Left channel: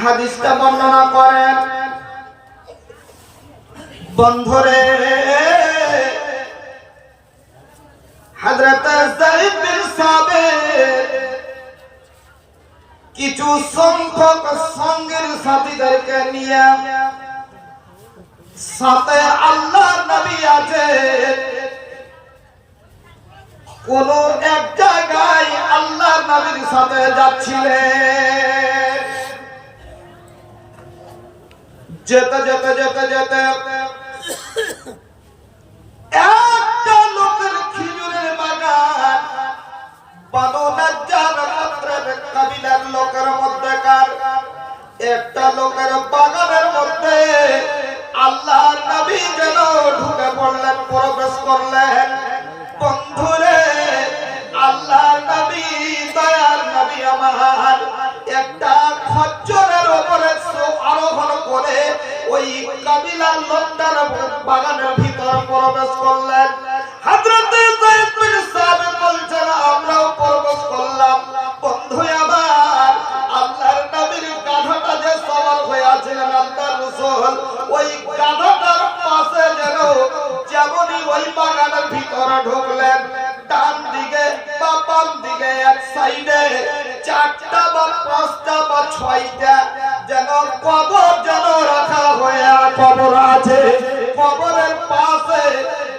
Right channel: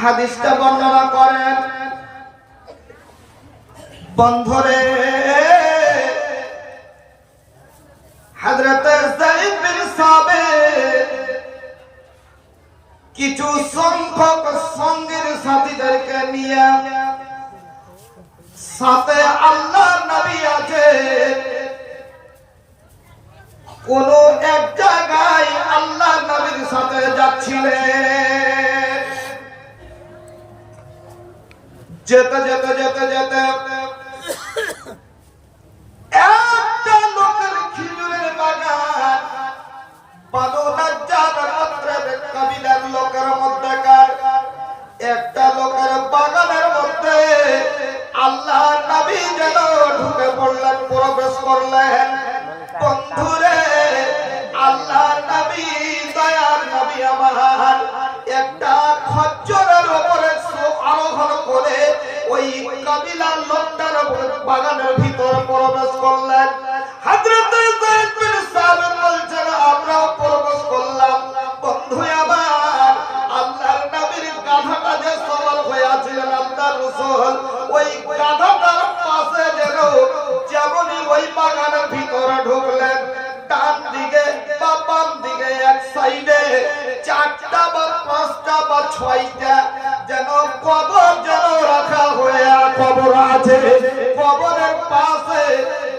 হাদিসটা বর্ণনা করেন, বন্ধুরে হযরত যায়েদ বিন সাবিত কিছু সংখ্যক সঙ্গের সাথীদেরকে নিয়ে, সাথে আল্লাহর নবী আছে, কোন এক জায়গায় আল্লাহর নবীর সাথে যাচ্ছিলেন। যেতে যেতে যেতে যেতে একটা লোকের খেজুরের বাগান, বানু নাজ্জার গোত্রের কবিলার লোকের মধ্যেকার একটা লোকের বাগানের মধ্যে আল্লাহর নবী যেন ঢুকে পড়লেন, প্রবেশ করলেন। বন্ধুরে আল্লাহর নবী, দয়ার নবী আমার একটা খচ্চরের উপরে আরোহণ করে ওই কবিলার লোকটার বাগানের ভিতর প্রবেশ করলেন। হযরত যায়েদ বিন সাবিত বলছেন, আমরাও প্রবেশ করলাম। বন্ধু আমার, আল্লাহর নবীর গাধাটা যে সওয়ার হয়ে আছিলেন আল্লাহর রাসূল, ওই গাধাটার পাশে যেন যেমনই ওই বাগানের ভিতরে ঢুকলেন, ডান দিকে বা বাম দিকে এক সাইডে 4টা বা 5টা বা 6টা যেন কবর যেন রাখা হয়ে কবর আছে। কবরের পাশে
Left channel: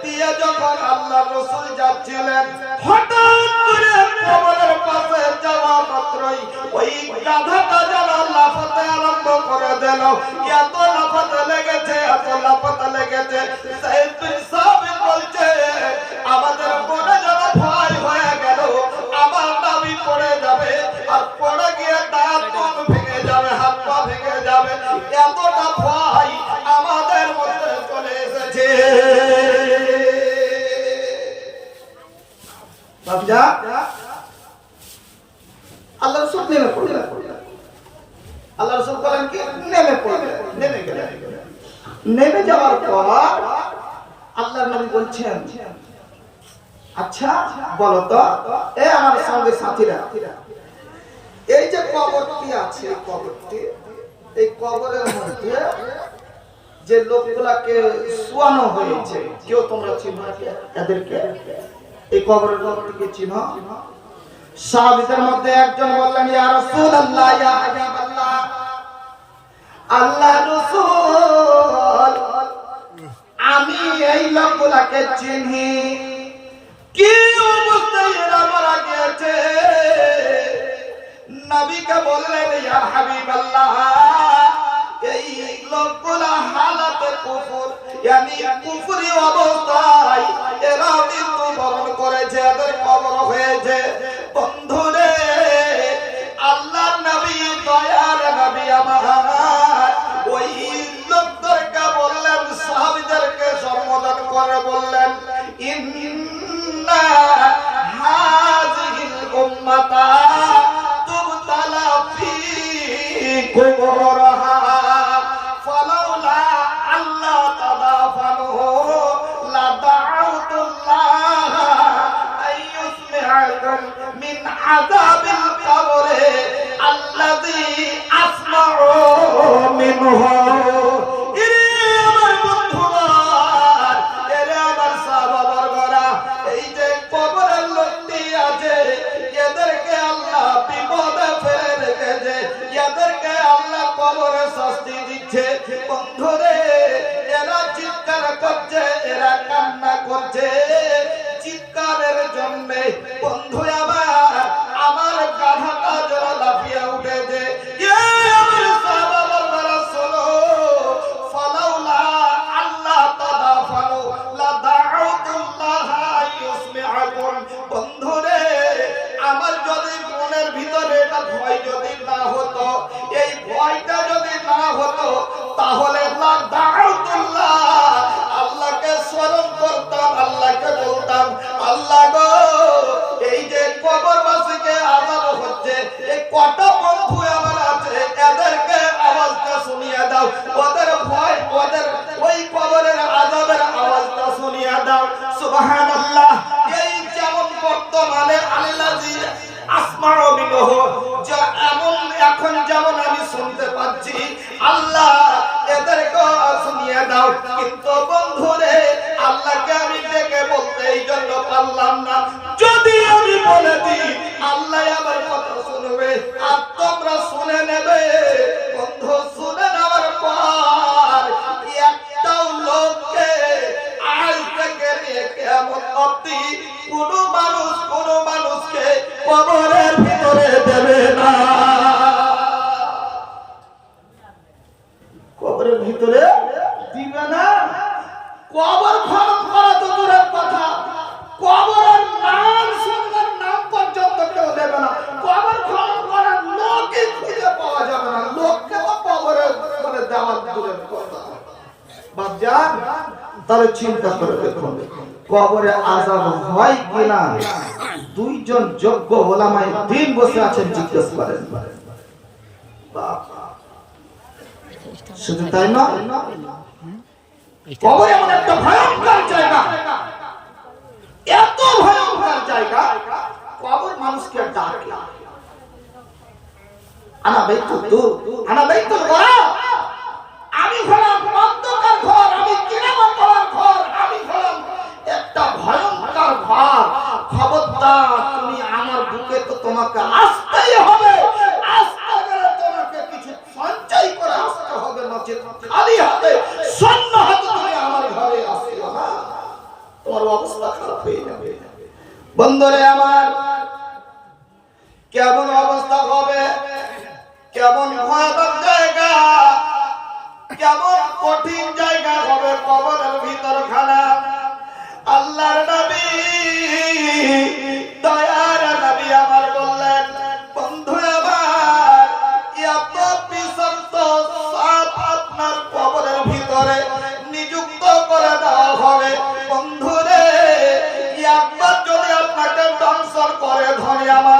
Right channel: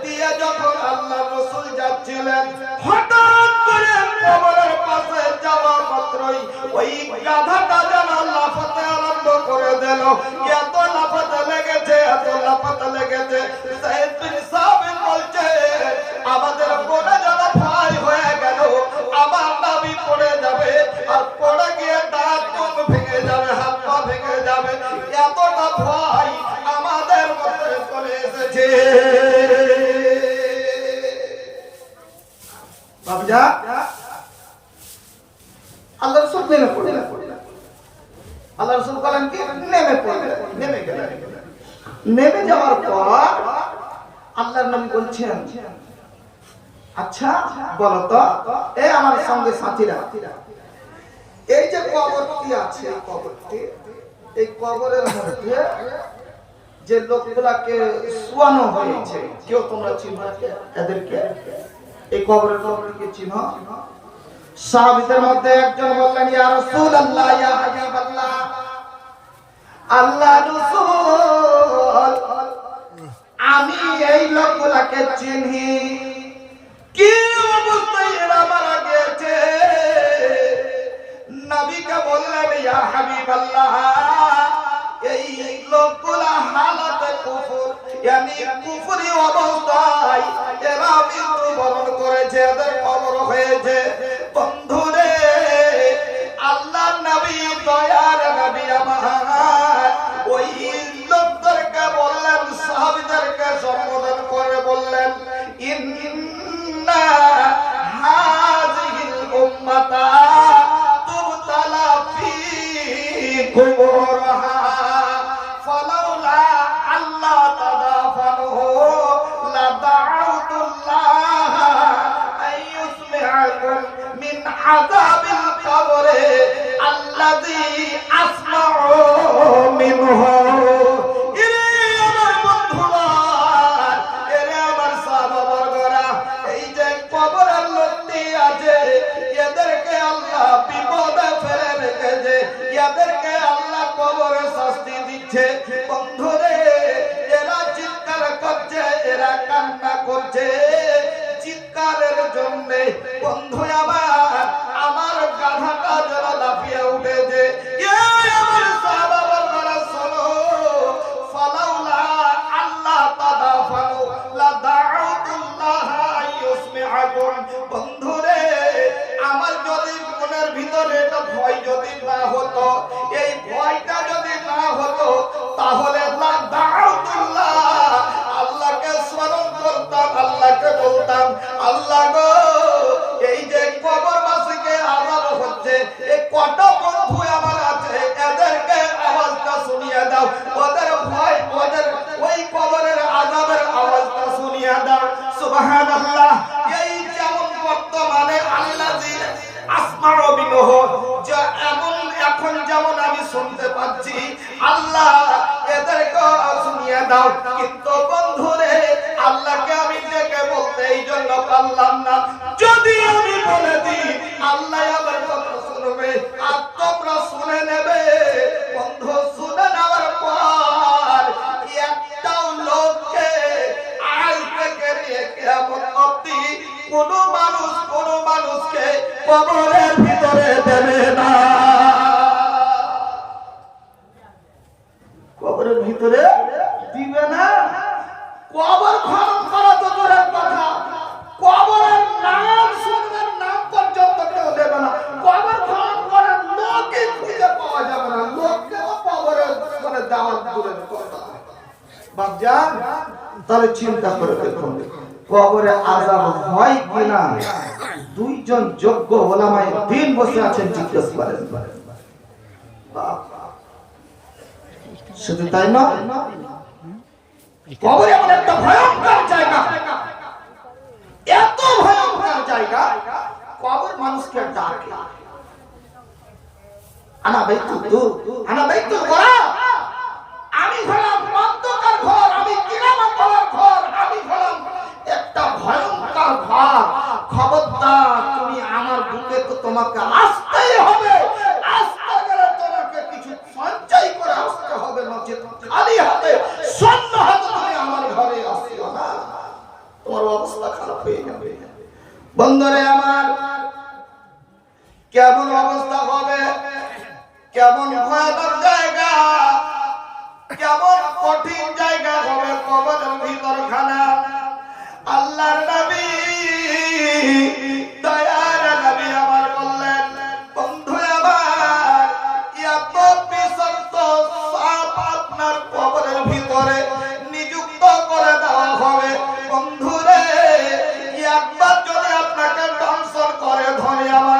দিয়ে যখন আল্লাহর রাসূল যাচ্ছিলেন, হঠাৎ করে কবরের পাশে যাওয়া মাত্রই ওই গাধাটা যেন লাফাতে আরম্ভ করে দিল। এত লাফাতে লেগেছে, এত লাফাতে লেগেছে, যায়েদ বিন সাবিত বলছে, আমাদের মনে যেন ভয় হয়ে গেল, আমার নবী পড়ে যাবে, আর পড়ে গিয়ে দাঁত ভেঙে যাবে, হাত পা ভেঙে যাবে, এতটা ভয় আমাদের মধ্যে চলে এসেছে। বাবজা আল্লাহ রাসূল নেমে পড়লেন। আল্লাহ রাসূল বলেন কি, নেমে পড়লেন, নেমে গেলেন। নেমে যাওয়ার পর আল্লাহর নবী বলছেন, আচ্ছা বলো তো, এ আমার সঙ্গে সাথীরা, এই যে কবরটি আছে, এই কবরের মধ্যে যে লোকগুলাকে শোয়ানো হয়েছে, কেউ তোমরা চিনো এদেরকে? এই কবরের লোকটিকে চিনো? সাহাবীদের মধ্যে একজন বললেন, ইয়া রাসূলুল্লাহ, ইয়া হাবিবাল্লাহ, আল্লাহর রাসূল, আমি এই লোকগুলাকে চিনি। কি অবস্থায় এরা মারা গিয়েছে? নবীকে বললেন, ইয়া হাবিবাল্লাহ, এই লোকগুলা হালাতে কুফর, यानी কুফরি অবস্থায় এরা মৃত্যুবরণ করেছে, এদের কবর হয়েছে। বন্ধুরে আল্লাহর নবী, দয়ার নবী আমার ওই লোকদেরকে বললেন, সাহাবীদেরকে সম্বোধন করে বললেন, ইন্না হাযিহিল উম্মাতা তুবতালা ফি কুবুরহা ফালাউলা আল্লাহ তাদাফানুহু লাদাউতুল্লাহ আইয়ুসমিআকুম মিন আযাবিল কবরে আল্লাযী আসমাউ মিনহু। কবরের লোকটি আছে, এদেরকে আল্লাহ বিপদে ফেলে রেখেছে, এদেরকে আল্লাহ কবরে শাস্তি দিচ্ছে। বন্ধুরে এরা চিৎকার করছে, এরা কান্না করছে, চিৎকারের জন্য বন্ধু আমার, আমার গাধাটা যেন লাফিয়ে উঠেছে। আমার সাহাবারা শোনো, ফালাউলা আল্লাহ তাদাফানু লাদাউতুল্লাহ আইয়ুসমিআকুম। বন্ধুরে আমার যদি মনের ভিতরে এটা ভয় যদি না হতো, এই ভয়টা যদি না হতো, তাহলে লাদাউতুল্লাহ, আল্লাহকে স্মরণ করতাম, আল্লাহকে বলতাম, আল্লাহ গো, এই যে কবরবাসীকে আযাব হচ্ছে, এই কত বন্ধু আমার আছে, এদেরকে আওয়াজটা শুনিয়ে দাও, ওদের ভয়, ওদের ওই কবরের আযাবের আওয়াজটা শুনিয়ে দাও। সুবহানাল্লাহ। এই যেমন বর্তমানে আল্লাযী আসমাউ বিনহু, যে এমন এখন যেমন আমি শুনতে পাচ্ছি, আল্লাহ এদেরকে শুনিয়ে দাও। কিন্তু বন্ধুরে, আল্লাহকে আমি ডেকে বলতে এই জন্য পারলাম না, যদি আমি বলে দিই আল্লাহ আমার কথা শুনবে আর তোমরা শুনে নেবে। বন্ধু, শুনে নেওয়ার পর একটাও লোককে আজ থেকে নিয়ে কিয়ামত অবধি কোনো মানুষকে কবরের ভিতরে দেবে না। কবরের ভিতরে দিবে না। কবর খনন করা তো দূরের কথা, কবরের নাম শুনবেন, নাম পর্যন্ত কেউ দেবে না। কবর খনন করার লোকই খুঁজে পাওয়া যাবে না, লোককে তো কবরে মানে দেওয়ার দূরের কথা। বাপজান, তাহলে চিন্তা করে দেখুন কবরে আযাব হয় কিনা। দুইজন যোগ্য ওলামায়ে দ্বীন বসে আছেন, জিজ্ঞেস করেন। শুধু তাই না, কবর এমন একটা ভয়ঙ্কর জায়গা, এত ভয়ঙ্কর জায়গা, কবর মানুষকে ডাকে, আনা বাইতুল গরাব। আমি হলাম অন্ধকার ঘর, আমি কিরামান বলার ঘর, আমি হলাম একটা ভয়ঙ্কর ঘর। খবরদার, তুমি আমার বুকে তো তোমাকে আসতেই হবে। আসতে গেলে তোমাকে কিছু সঞ্চয় করে আসতে হবে, নচেত খালি হাতে শূন্য হাতে তুমি আমার ঘরে আসিও না, তোমার অবস্থা খারাপ হয়ে যাবে। বন্ধুরে আমার, কেমন অবস্থা হবে, কেমন ভয়ানক জায়গা, কেমন কঠিন জায়গা হবে কবরের ভিতর খানা। আল্লাহর নবী, দয়ার নবী আমার বললেন, বন্ধু আমার, এত বিষাক্ত সাপ আপনার কবরের ভিতরে নিযুক্ত করে দেওয়া হবে। বন্ধুরে, একবার যদি আপনাকে দংশন করে ধনী আমার,